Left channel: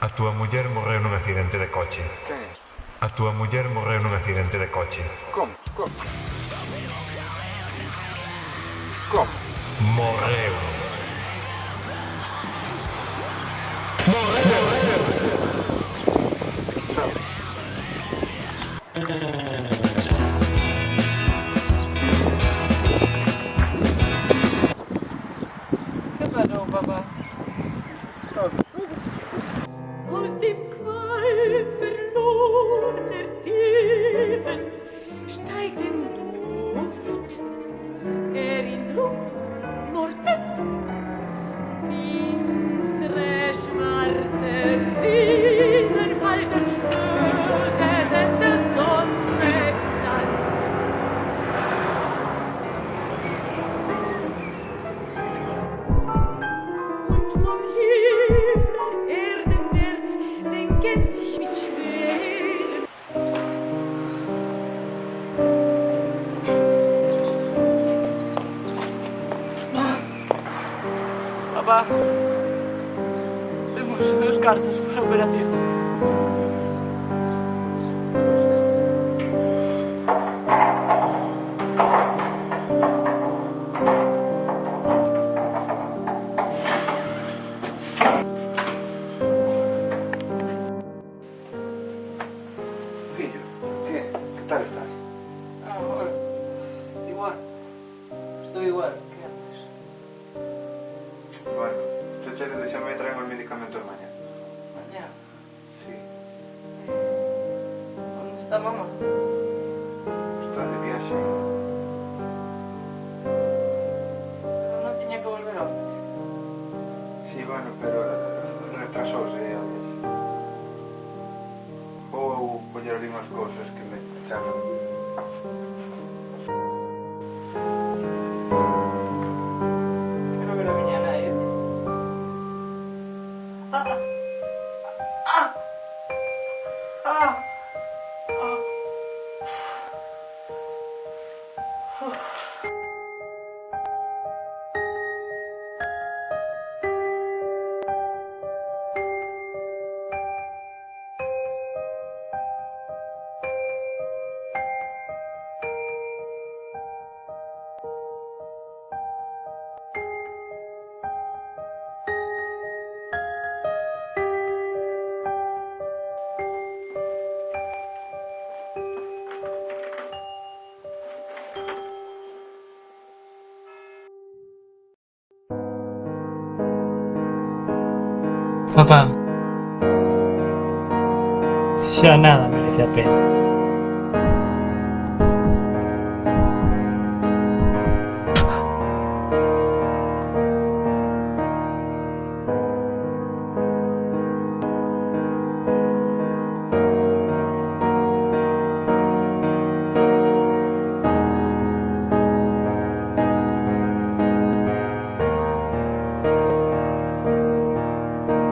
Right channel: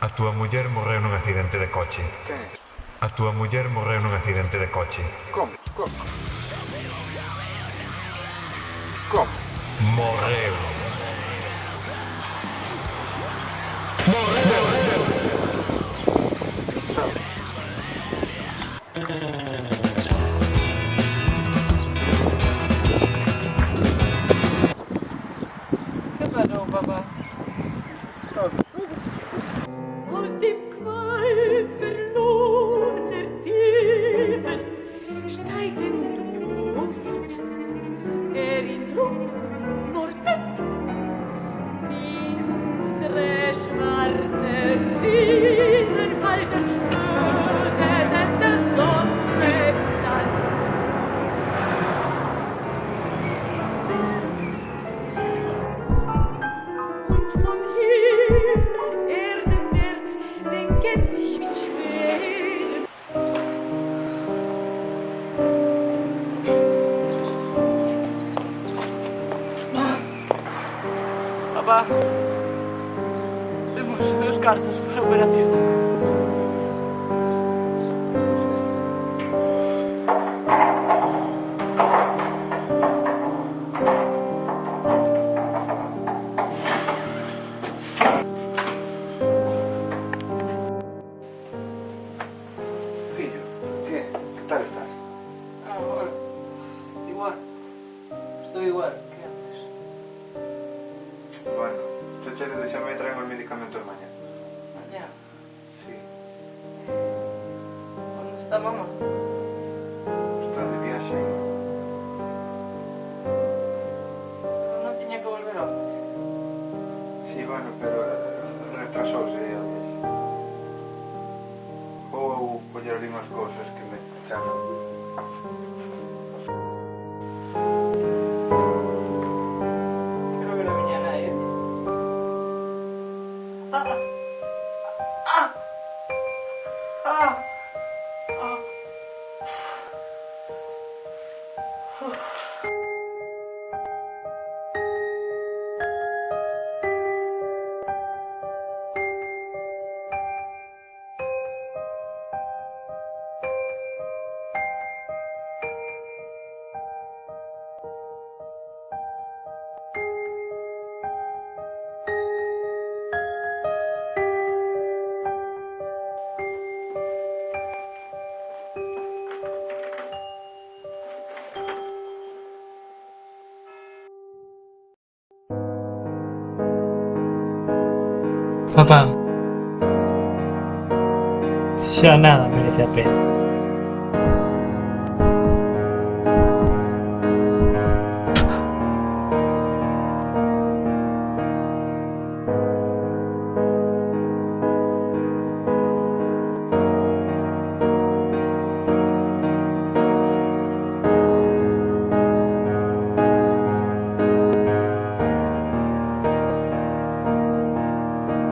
A túa muller morreu nun accidente de coche. Quen é? A túa muller morreu nun accidente de coche. Como? Como? Como? Morreu. ¿Qué pasó, papá? Aus dem Qualm verlorener Tiefen steigt ein Duft, der in Ruck mordet. Finstere, schwarze Riesenfalten töteten der Sonne Glanz. Und vom Himmel erdenwärts senken sich mit schweren Papá, tenemos 2 cartas para operación. Fillo, que tal estás? Ah, bueno. Igual. Estoy igual que antes. Bueno, te che de deixarme traer os medicamentos mañá. Mañana. Sí. ¿Dónde está mamá? Está de viaxe. Pero no tenía que volver hoy. Sí, bueno, pero retrasouse a viaxe. Ou coller ali unhas cousas que me chaman. Creo que no venía nadie. Papá, xa nada merece a pena.